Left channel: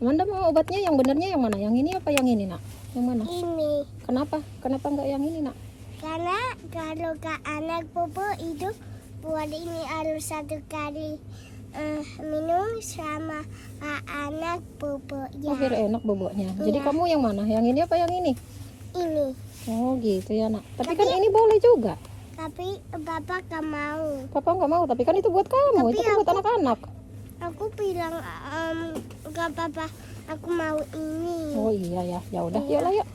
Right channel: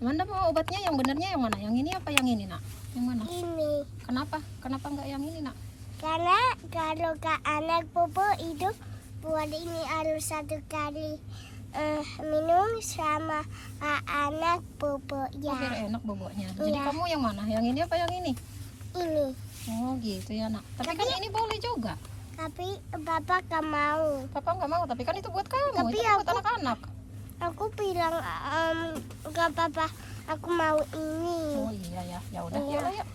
Amanda mau obatnya yang benernya yang mana? Yang ini apa yang ini, Nak? Yang mana? Ini. Kenapa? Kenapa enggak yang ini, Nak? Karena kalau ke anak bobo itu buat ini harus 1 kali minum sama anak bobo ya. Biar enak boboknya. Jadi Iya. kamu yang mana? Yang ini apa yang ini? Ini. Oh gitu ya, Nak. Tapi kan ini boleh juga. Tapi Bapak gak mau. Papa nggak mau, tapi kan itu buat kamu. Tapi Itu kan buat aku- anak-anak. Aku bilang gak apa-apa. Aku mau ini. Oh iya ya. Ya udah, Iya. yuk lah yuk.